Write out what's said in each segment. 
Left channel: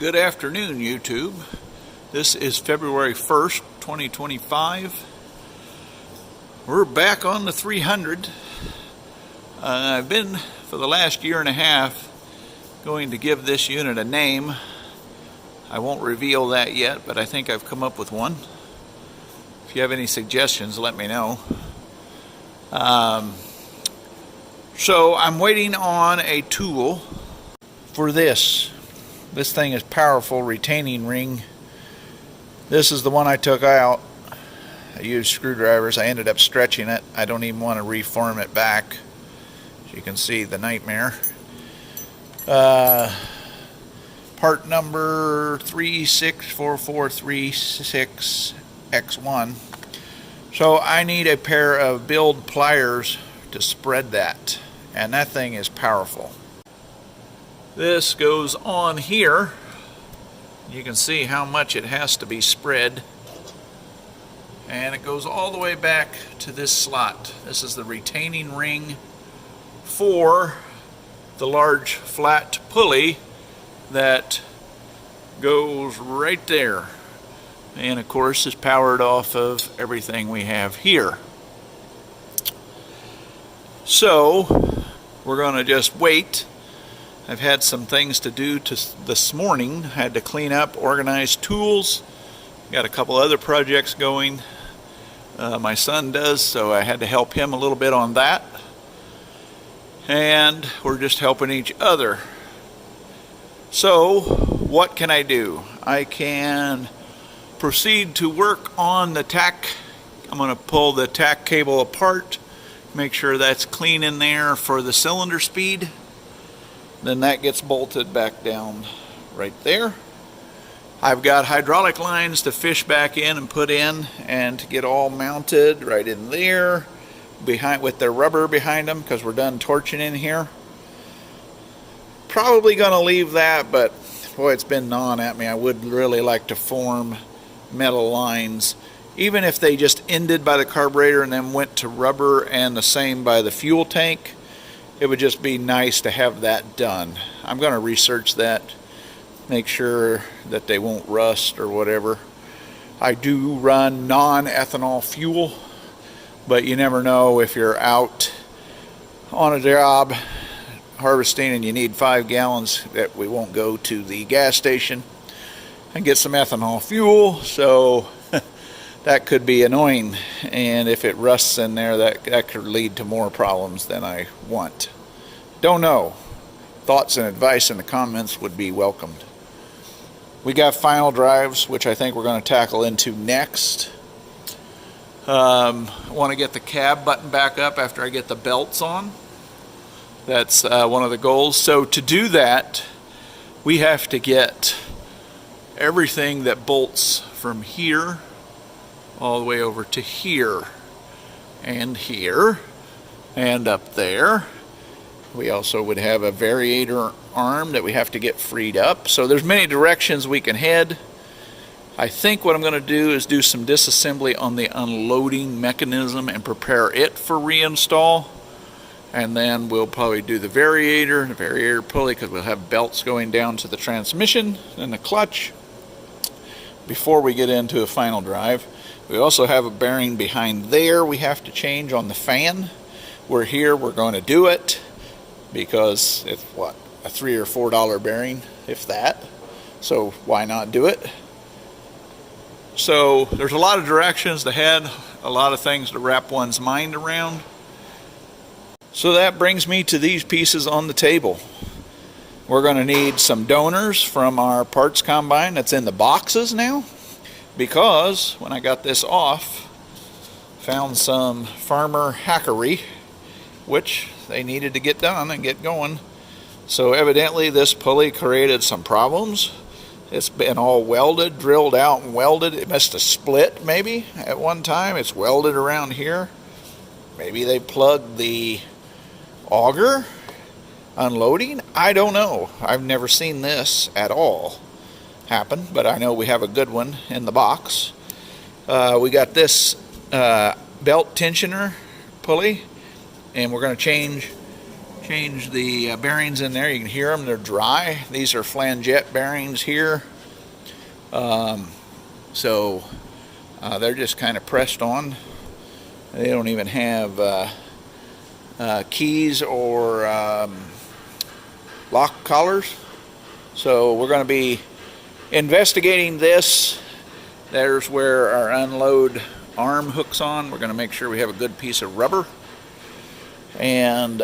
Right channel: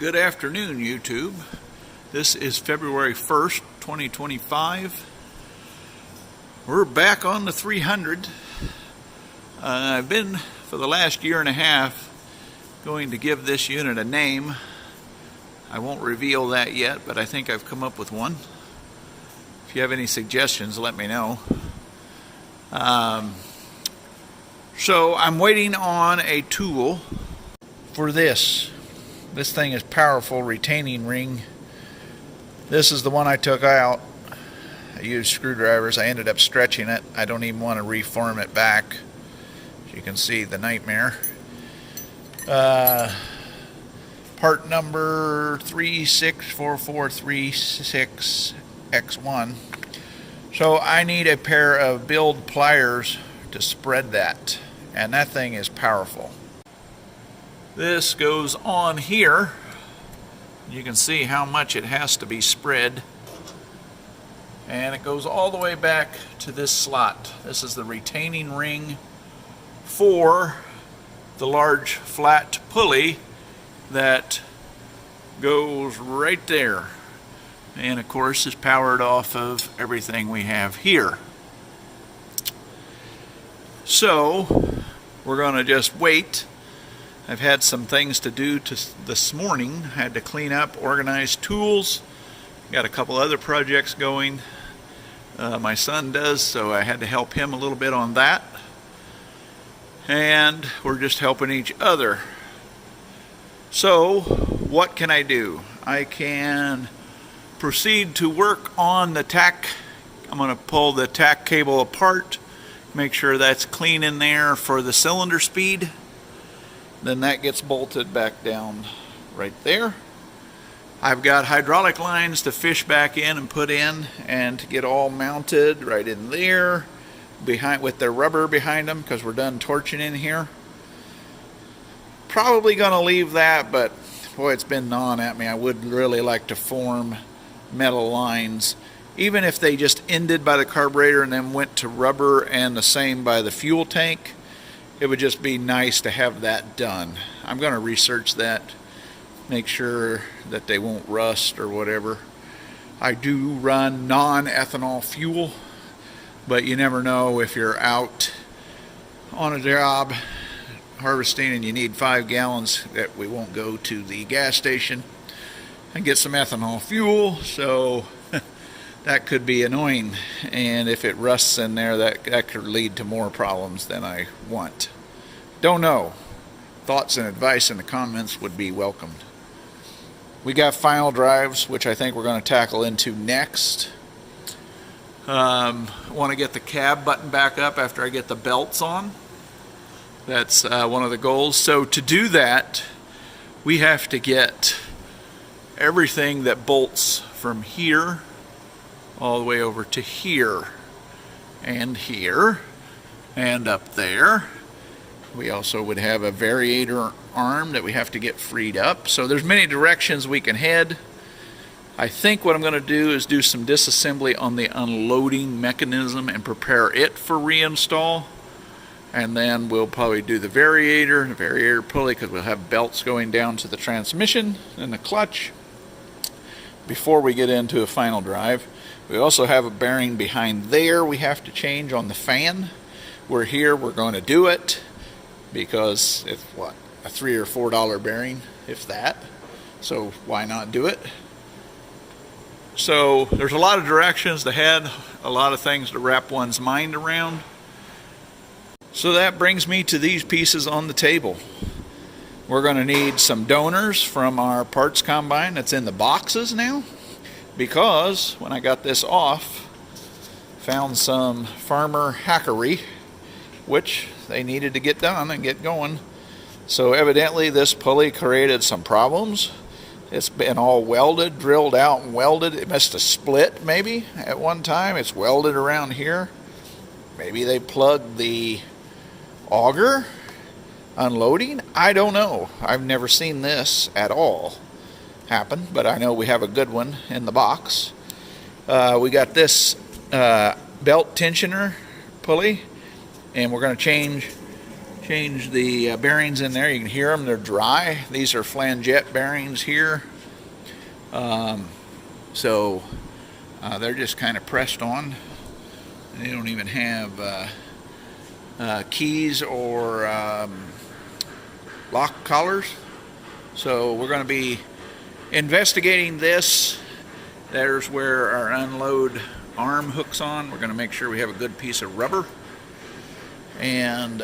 Good afternoon, YouTube. This is February 1st, 2025. We're back on the 300. I've been, for the last year and a half, going to give this unit a name. I won't reveal that yet, but I think I've come up with one. If you have any suggestions, let me know. So I'm waiting on a tool for this. This thing is powerful retaining ring. This is the one I took out. I used screwdrivers. I ended up stretching it. I don't even want to reform it back. As you can see, the nightmare. Part number 364436X1. So I need a pair of build pliers to spread that. And that thing is powerful. This goes on here. You can see how much it has to be spread. And it goes all the way back to this slot. This is the retaining ring for the large flat pulley that goes right there. And of course is powered off of everything we have here. So we're going to just wait. I've had some things to do this morning. I had to clean up, organize tools. Got a couple other projects going. My son does, so I had to help him a little bit on that. And we're just helping each other. So, what can I do? I can proceed to work on the tack. I'm going to pull the tack cable apart, make sure that's clean in there for the cylinder speed. Then that gets bolted back down right there. I've got hydraulic lines to fish back in and put in and to get all mounted right in there behind with their rubber behind them because we're done torching in here. Probably going to leave that, but boy, it's been gnawing at me. I would really like to form metal lines, even if they just ended by the carburetor and then went to rubber and the same by the fuel tank. It would just be nice to have that done. I'm going to research that, make sure that they won't rust or whatever. I do run non-ethanol fuel, but you never know if you're out on a job harvesting and you need 5 gallons, that we won't go to the gas station and get some ethanol fuel. So that could be annoying, and if it rusts in there, that could lead to more problems than I want. Don't know. Thoughts and advice in the comments would be welcomed. We got final drives, which I think we're going to tackle into next. I want to get the cab button back up after I get the belts on. That's one of the goals. So to do that, we have to get everything that bolts from here all the way over to here and up there. We also would have a variator arm that we have to get freed up. So there's many directions we can head. I think what I'm going to do is do some disassembly on the unloading mechanism and prepare it for reinstall. And then we'll probably do the variator pulley, because we'll have belts going down to the transmission and the clutch before we get into a final drive. We also have a bearing behind there we have to change on the fan. We're going to do it because it's what, a $3 or $4 bearing, if that. So why not do it? So there's a lot of directions to head, a lot of things to wrap one's mind around. So that brings me to these pieces on the table. We're going to need some donors from our parts combine that's in the boxes now, because when I got this off, found some farmer hackery, which they needed to get done and get going. So evidently this pulley created some problems. It's been all welded, drilled out and welded. It must have split maybe at one time. It's welded around here. Maybe they plugged the auger unloading. I don't know. I've never seen this at all happen, but I know we have a good one in the box. We got this belt tensioner pulley, and we're going to change change the bearings in there. You can hear them, they're dry. These are flanget bearings here. So they're just kind of pressed on. They don't even have keys or lock collars. So we're going to be investigating this. There's where our unload arm hooks on. We're going to make sure we have a good piece of rubber. And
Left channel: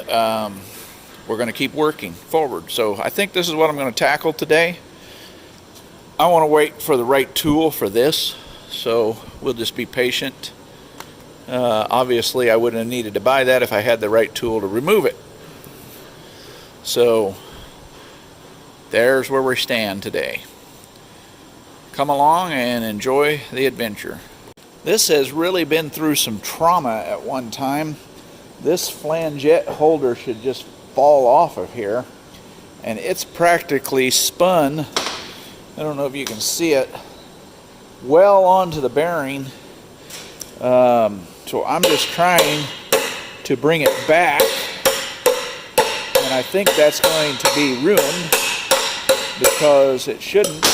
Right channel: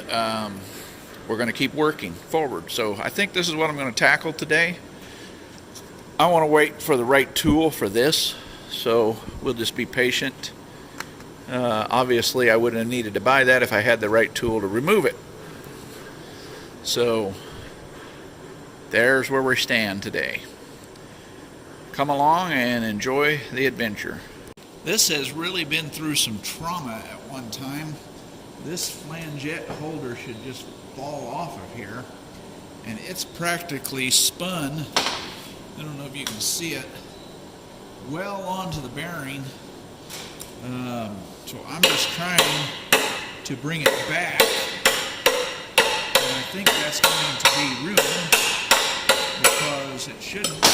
we're going to keep working forward. So I think this is what I'm going to tackle today. I want to wait for the right tool for this, so we'll just be patient. Obviously, I wouldn't have needed to buy that if I had the right tool to remove it. So there's where we stand today. Come along and enjoy the adventure. This has really been through some trauma at one time. This flanget holder should just fall off of here, and it's practically spun, I don't know if you can see it, well onto the bearing. So I'm just trying to bring it back, and I think that's going to be ruined because it shouldn't.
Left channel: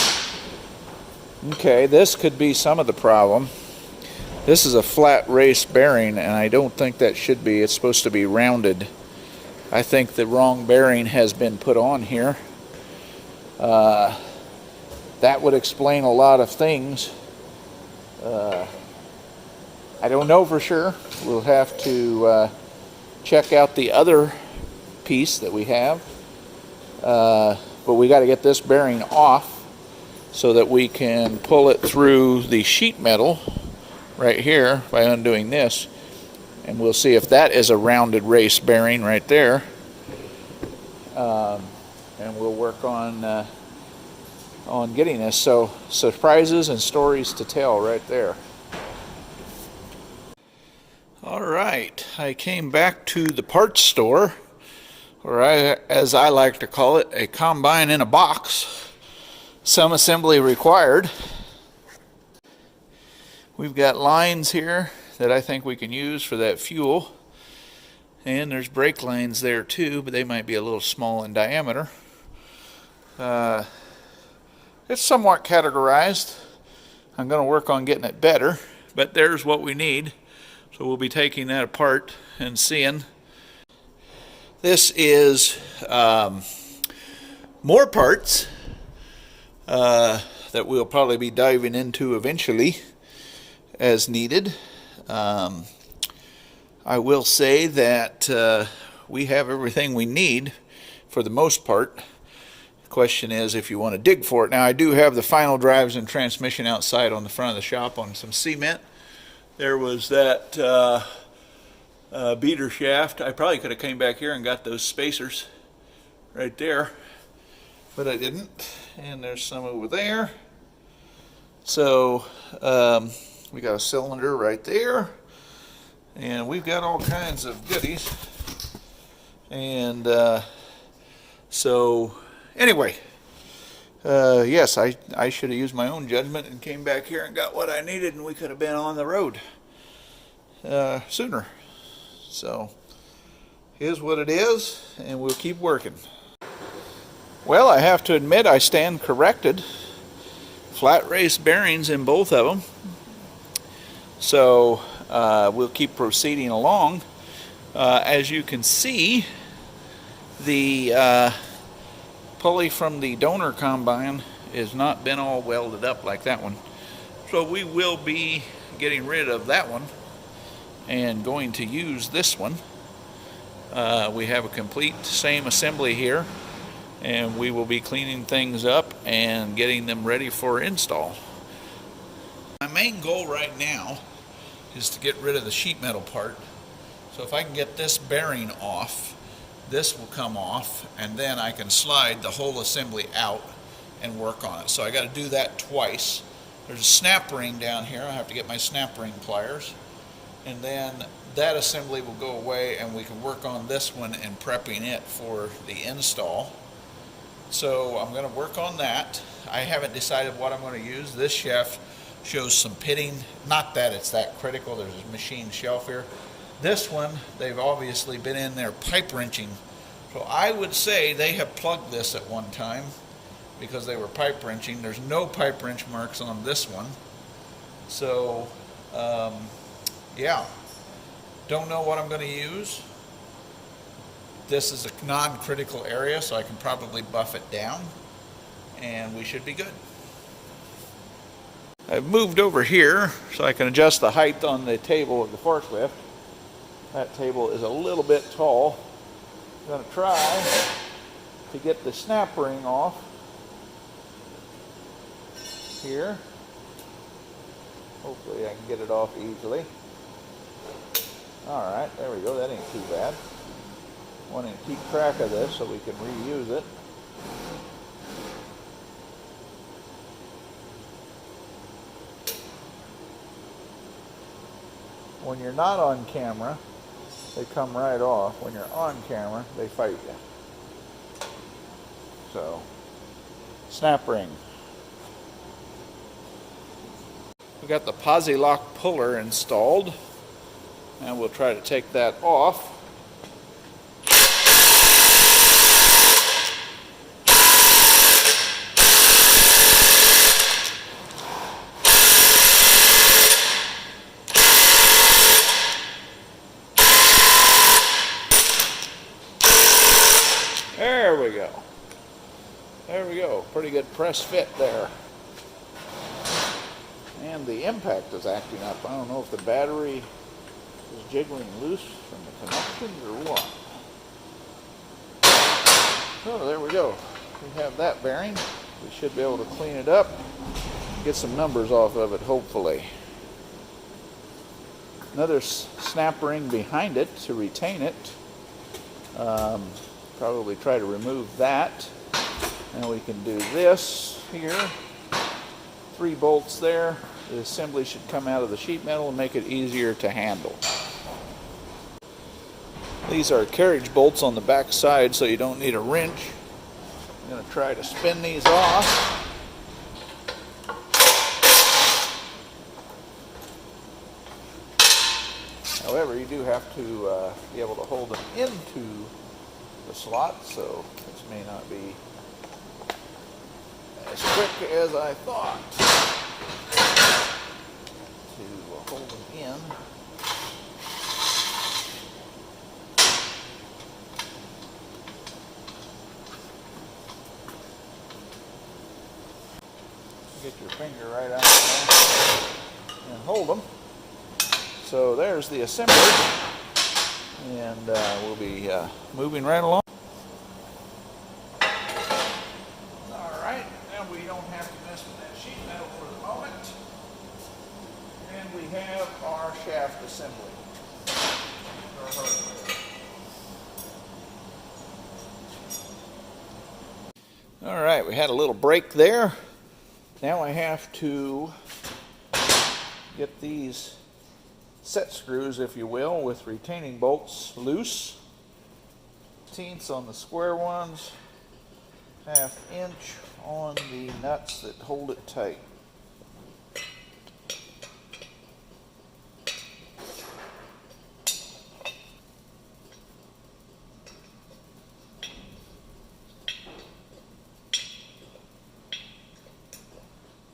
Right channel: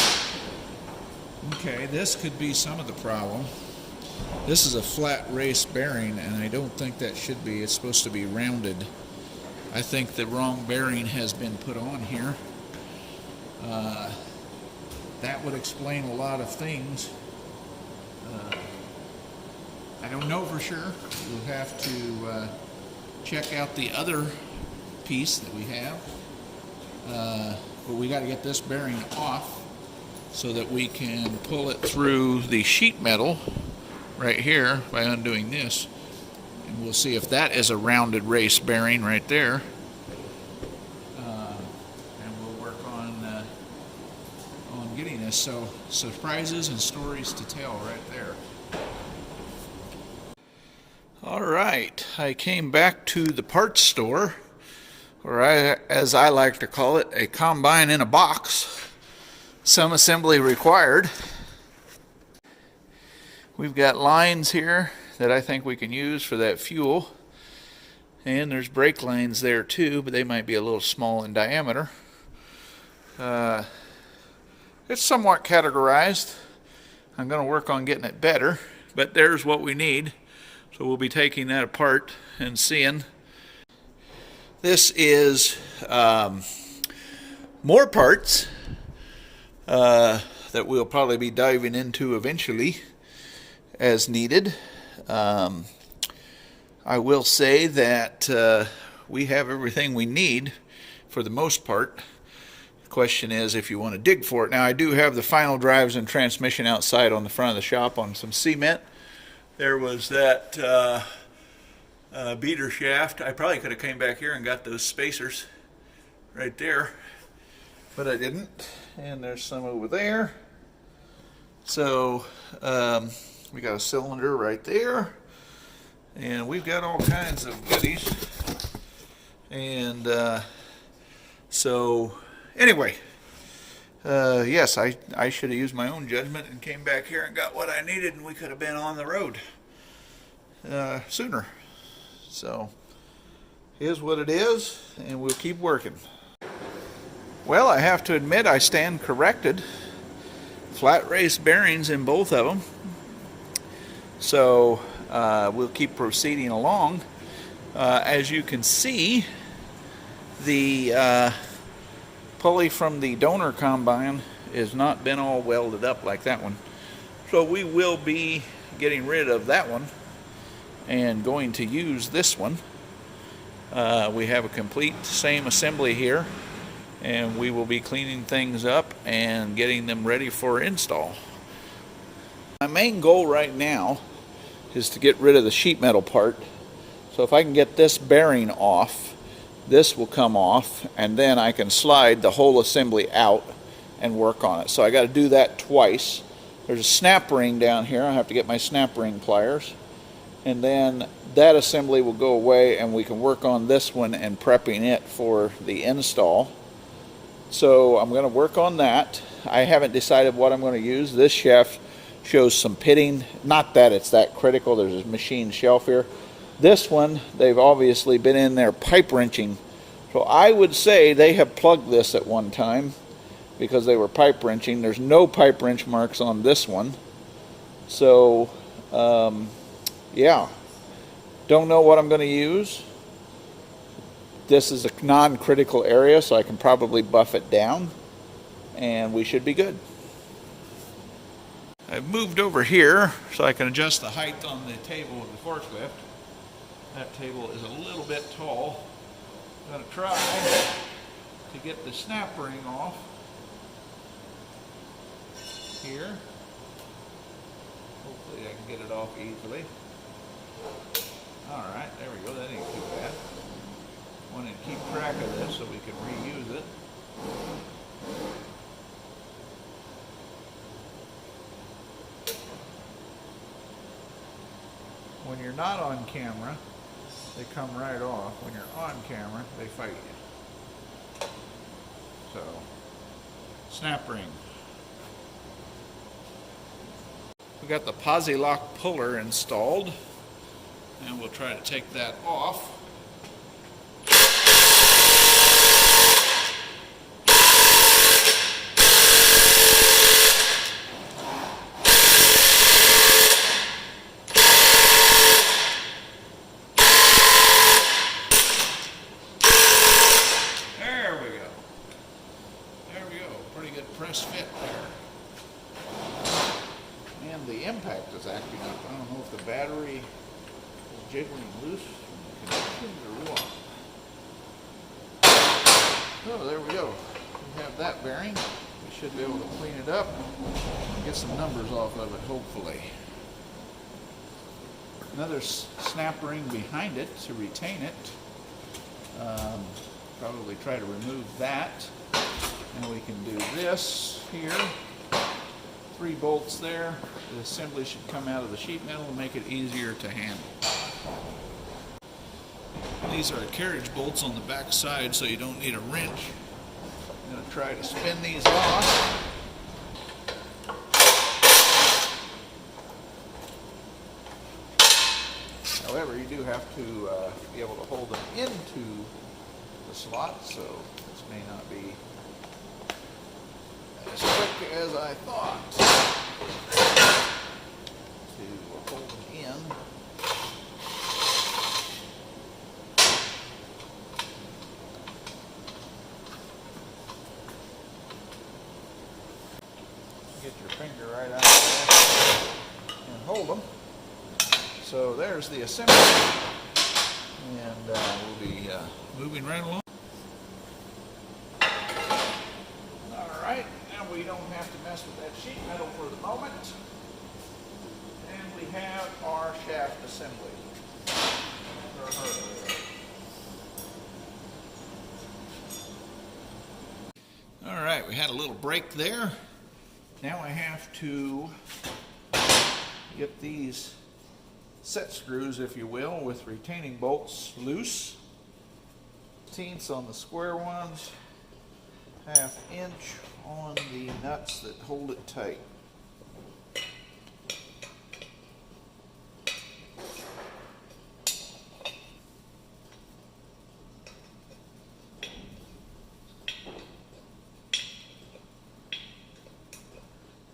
Okay, this could be some of the problem. This is a flat race bearing, and I don't think that should be. It's supposed to be rounded. I think the wrong bearing has been put on here. That would explain a lot of things. I don't know for sure. We'll have to check out the other piece that we have. But we got to get this bearing off so that we can pull it through the sheet metal right here by undoing this, and we'll see if that is a rounded race bearing right there, and we'll work on getting this. So surprises and stories to tell right there. All right, I came back to the parts store, or as I like to call it, a combine in a box. Some assembly required. We've got lines here that I think we can use for that fuel. And there's brake lines there too, but they might be a little small in diameter. It's somewhat categorized. I'm going to work on getting it better, but there's what we need. So we'll be taking that apart and seeing. This is more parts that we'll probably be diving into eventually as needed. I will say that we have everything we need for the most part. The question is if you want to dig for it. Now, I do have the final drives and transmission outside on the front of the shop on some cement. There was that beater shaft. I probably could have came back here and got those spacers right there, but I didn't. And there's some over there. So we got a cylinder right there, and we've got all kinds of goodies. And so anyway, yes, I should have used my own judgment and came back here and got what I needed, and we could have been on the road sooner. So here's what it is, and we'll keep working. Well, I have to admit I stand corrected. Flat race bearings in both of them. So we'll keep proceeding along. As you can see, the pulley from the donor combine has not been all welded up like that one. So we will be getting rid of that one and going to use this one. We have a complete same assembly here, and we will be cleaning things up and getting them ready for install. My main goal right now is to get rid of the sheet metal part. So if I can get this bearing off, this will come off, and then I can slide the whole assembly out and work on it. So I got to do that twice. There's a snap ring down here. I have to get my snap ring pliers, and then that assembly will go away, and we can work on this one and prepping it for the install. So I'm going to work on that. I haven't decided what I'm going to use. This shaft shows some pitting. Not that it's that critical. There's a machine shelf here. This one, they've obviously been in there pipe wrenching So I would say they have plugged this at one time because they were pipe wrenching. There's no pipe wrench marks on this one. So, yeah. Don't know what I'm going to use. This is a non-critical area, so I can probably buff it down, and we should be good. I've moved over here so I can adjust the height on the table of the forklift. That table is a little bit tall. I'm going to try to get the snap ring off here. Hopefully I can get it off easily. Alright, there we go. That ain't too bad. Want to keep track of this so we can reuse it. When you're not on camera, they come right off. When you're on camera, they fight you. So, snap ring. We got the posi lock puller installed, and we'll try to take that off. There we go. There we go. Pretty good press fit there. And the impact is acting up. I don't know if the battery is jiggling loose from the connections or what. So there we go. We have that bearing. We should be able to clean it up and get some numbers off of it, hopefully. Another snap ring behind it to retain it. Probably try to remove that. And we can do this here. 3 bolts there. The assembly should come out of the sheet metal and make it easier to handle. These are carriage bolts on the back side, so you don't need a wrench. I'm going to try to spin these off. However, you do have to be able to hold them into the slot, so this may not be as quick as I thought to hold them in. Get your finger right out there and hold them. So there's the assembly, and we'll be moving right along. Alright, now we don't have to mess with that sheet metal for the moment. And we have our shaft assembly. Alright, we had a little break there. Now I have to get these set screws, if you will, with retaining bolts loose. 1/8 on the square ones, 1/2 inch on the nuts that hold it tight.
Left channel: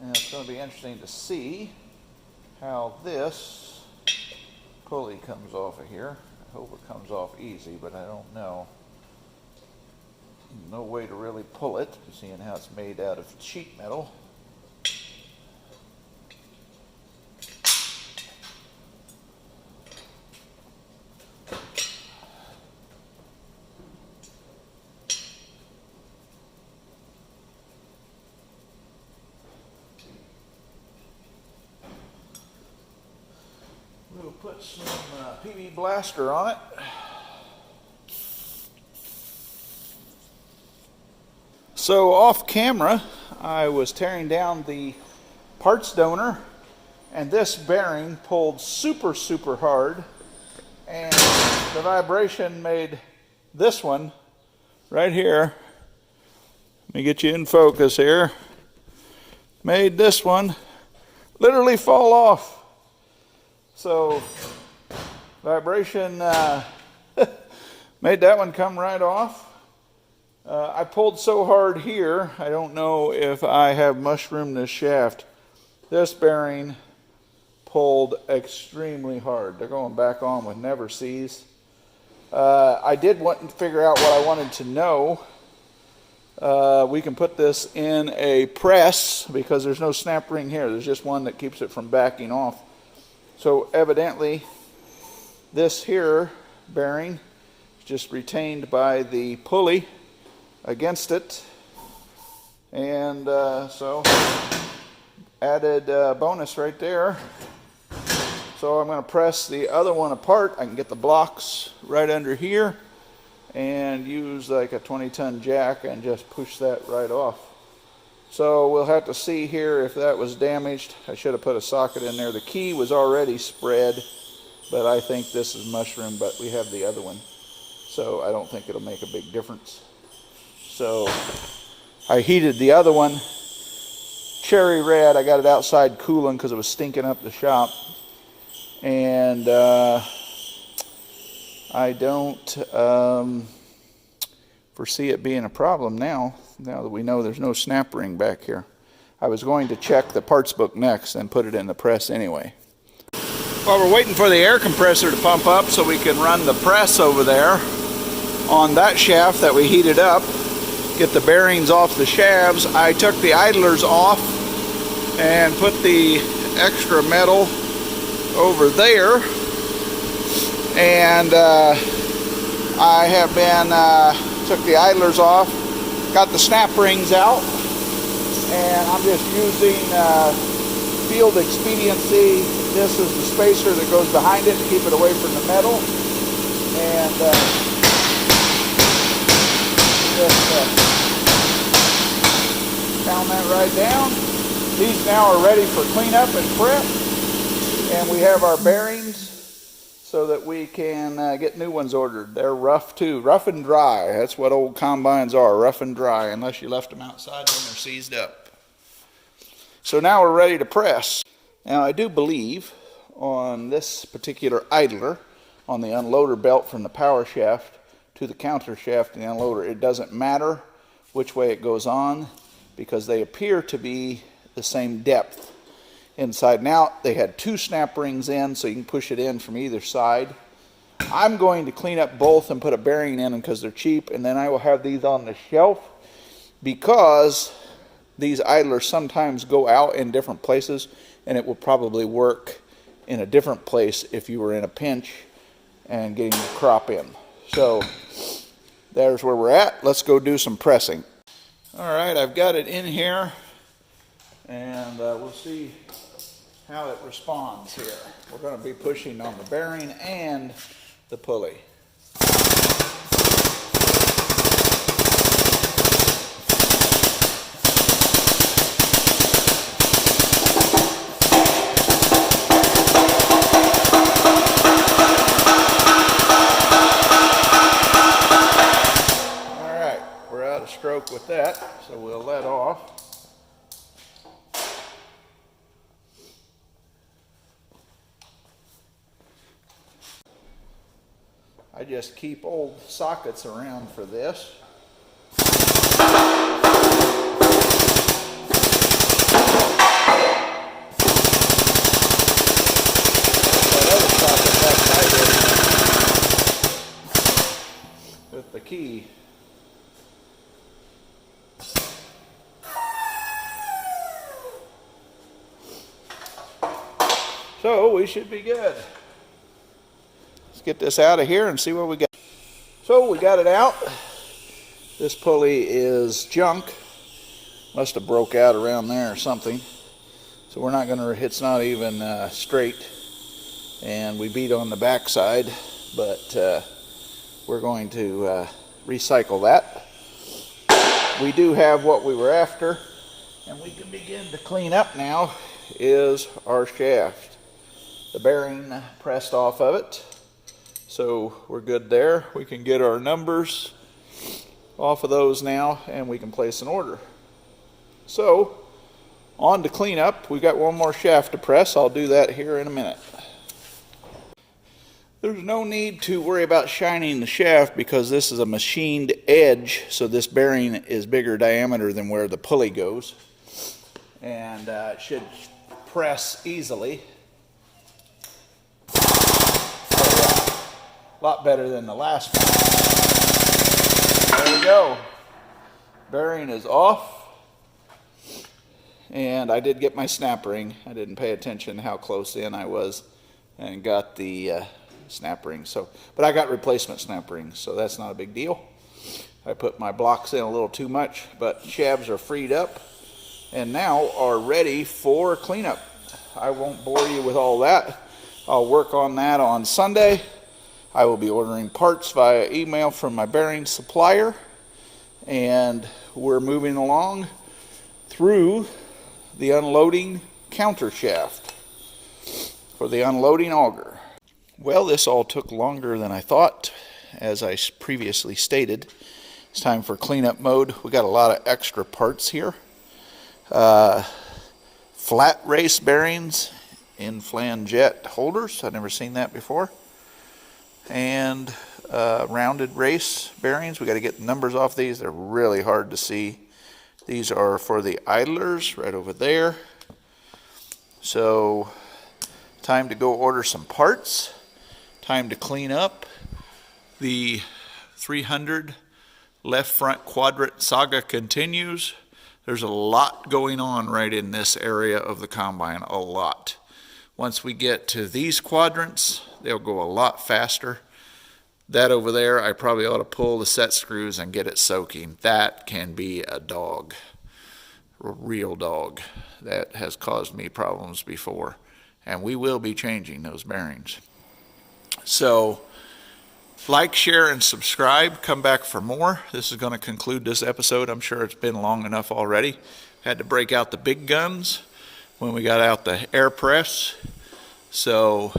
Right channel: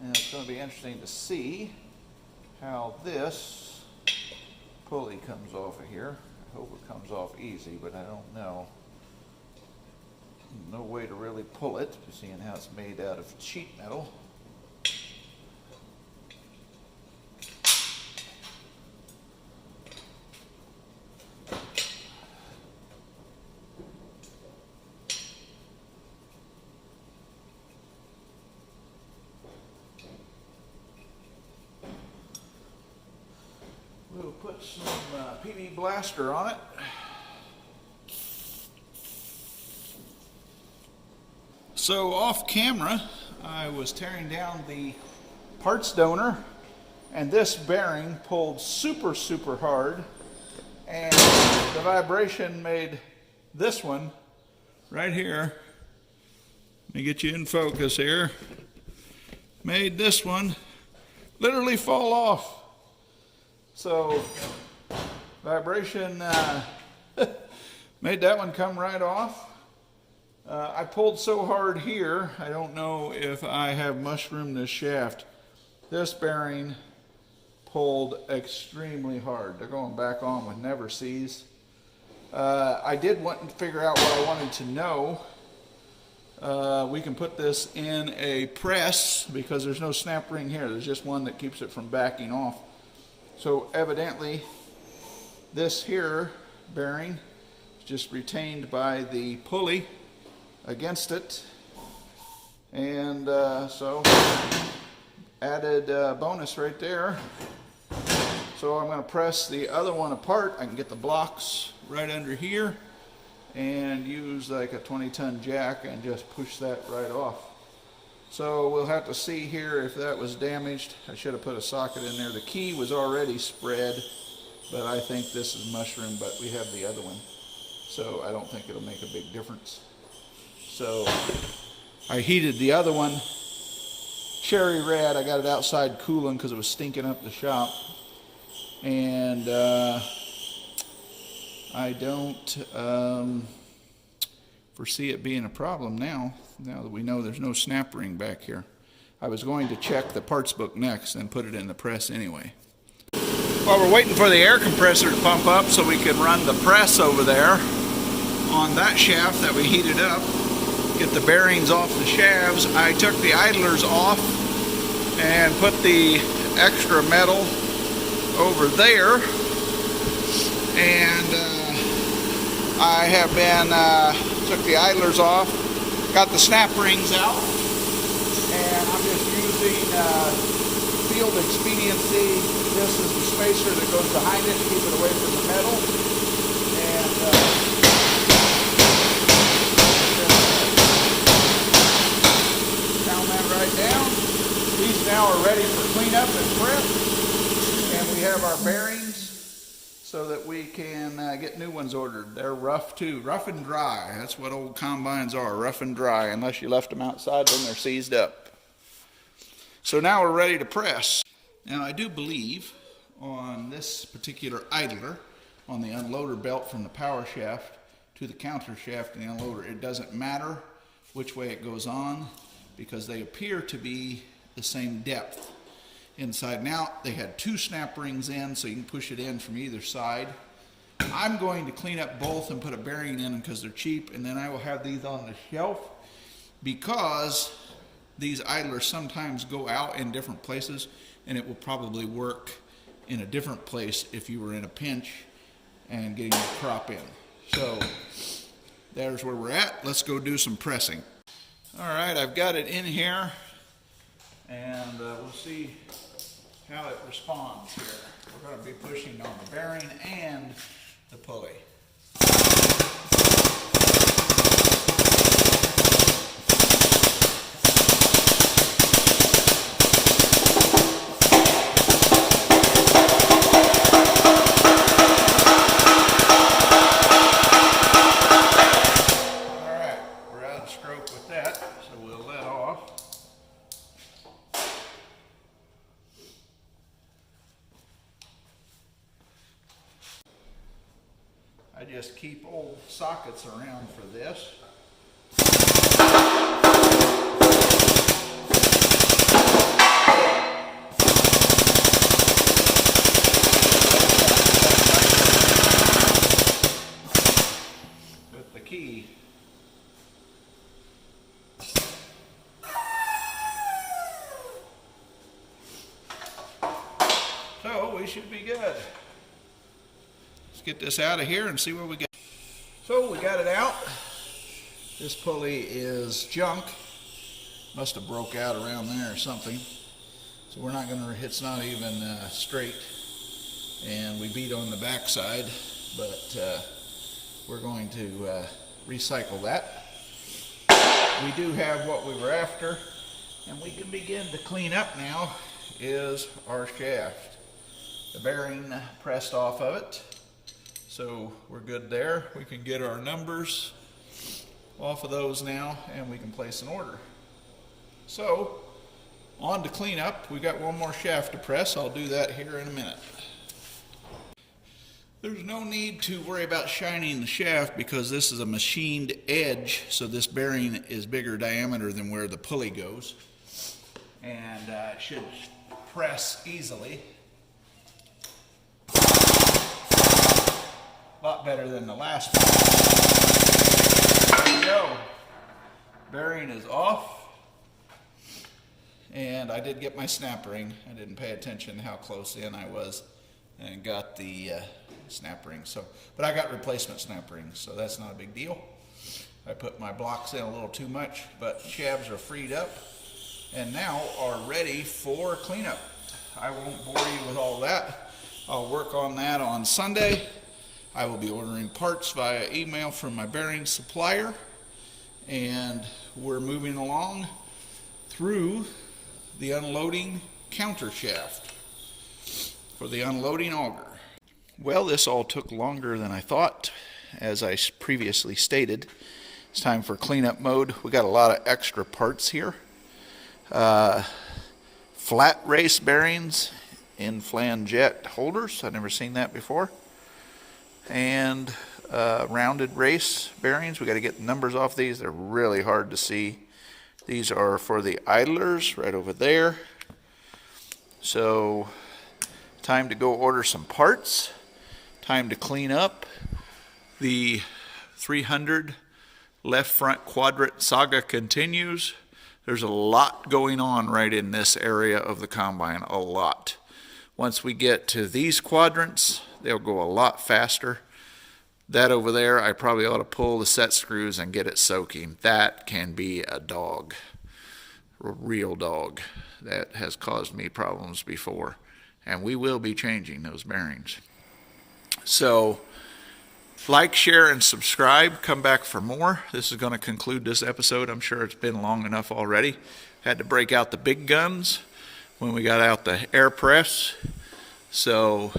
And it's going to be interesting to see how this pulley comes off of here. I hope it comes off easy, but I don't know. No way to really pull it, seeing how it's made out of sheet metal. We'll put some PD Blaster on it. So off camera, I was tearing down the parts donor, and this bearing pulled super hard, and the vibration made this one right here, let me get you in focus here, made this one literally fall off. So vibration made that one come right off. I pulled so hard here, I don't know if I have mushroomed this shaft. This bearing pulled extremely hard. They're going back on with never cease. I did want to figure out what I wanted to know. We can put this in a press because there's no snap ring here. There's just one that keeps it from backing off. So evidently this here bearing is just retained by the pulley against it, and so added bonus right there. So I'm going to press the other one apart. I can get the blocks right under here and use like a 20-ton jack and just push that right off. So we'll have to see here if that was damaged. I should have put a socket in there. The key was already spread, but I think this is mushroom, but we have the other one, so I don't think it'll make a big difference. So I heated the other one cherry red. I got it outside cooling because it was stinking up the shop, and I don't foresee it being a problem now that we know there's no snap ring back here. I was going to check the parts book next and put it in the press anyway. While we're waiting for the air compressor to pump up so we can run the press over there on that shaft that we heated up, get the bearings off the shafts, I took the idlers off and put the extra metal over there, and I have been took the idlers off, got the snap rings out, and I'm just using field expediency. This is the spacer that goes behind it to keep it away from the metal, and just pound that right down. These now are ready for cleanup and prep, and we have our bearings so that we can get new ones ordered. They're rough too, rough and dry. That's what old combines are, rough and dry. Unless you left them outside, then they're seized up. So now we're ready to press. Now I do believe on this particular idler, on the unloader belt from the power shaft to the counter shaft and the unloader, it doesn't matter which way it goes on because they appear to be the same depth inside and out. They had two snap rings in, so you can push it in from either side. I'm going to clean up both and put a bearing in them because they're cheap, and then I will have these on the shelf because these idlers sometimes go out in different places, and it will probably work in a different place if you were in a pinch and getting the crop in. So there's where we're at. Let's go do some pressing. All right, I've got it in here, and we'll see how it responds here. We're going to be pushing on the bearing and the pulley. All right, we're out of stroke with that, so we'll let off. I just keep old sockets around for this. With the key. So we should be good. Get this out of here and see what we got. So we got it out. This pulley is junk. Must have broke out around there or something. So we're not going to, it's not even straight. And we beat on the back side, but we're going to recycle that. We do have what we were after, and we can begin to clean up now is our shaft. The bearing pressed off of it. So we're good there. We can get our numbers off of those now, and we can place an order. So on to cleanup. We got one more shaft to press. I'll do that here in a minute. There's no need to worry about shining the shaft because this is a machined edge, so this bearing is bigger diameter than where the pulley goes, and it should press easily. A lot better than the last one. There we go. Bearing is off. And I did get my snap ring. I didn't pay attention how close in I was and got the snap ring. But I got replacement snap rings, so that's not a big deal. I put my blocks in a little too much, but shabs are freed up and now are ready for cleanup. I won't bore you with all that. I'll work on that on Sunday. I will be ordering parts via email from my bearing supplier, and we're moving along through the unloading counter shaft for the unloading auger. Well, this all took longer than I thought. As I previously stated, it's time for cleanup mode. We got a lot of extra parts here. Flat race bearings in flanget holders. I've never seen that before. And rounded race bearings. We got to get the numbers off these. They're really hard to see. These are for the idlers right over there. So, time to go order some parts. Time to clean up. The 300 left front quadrant saga continues. There's a lot going on right in this area of the combine, a lot. Once we get to these quadrants, they'll go a lot faster. That over there, I probably ought to pull the set screws and get it soaking. That can be a dog, a real dog. That has caused me problems before. And we will be changing those bearings. So, like, share, and subscribe. Come back for more. This is going to conclude this episode. I'm sure it's been long enough already. Had to break out the big guns when we got out the air press. So,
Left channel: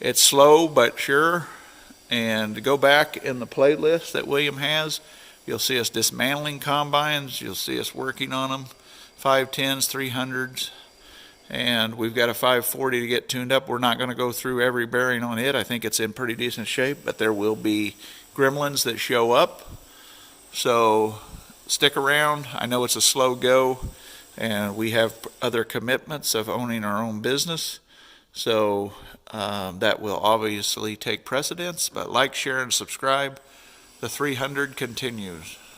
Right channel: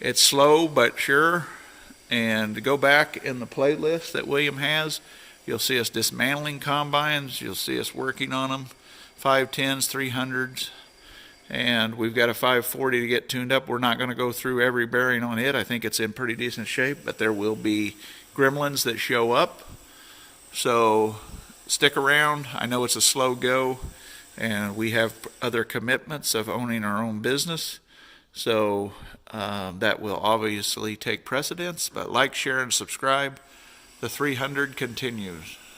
it's slow but sure. And go back in the playlist that William has. You'll see us dismantling combines. You'll see us working on them. 510s, 300s. And we've got a 540 to get tuned up. We're not going to go through every bearing on it. I think it's in pretty decent shape. But there will be gremlins that show up. So stick around. I know it's a slow go. And we have other commitments of owning our own business. So that will obviously take precedence, but like, share, and subscribe. The 300 continues.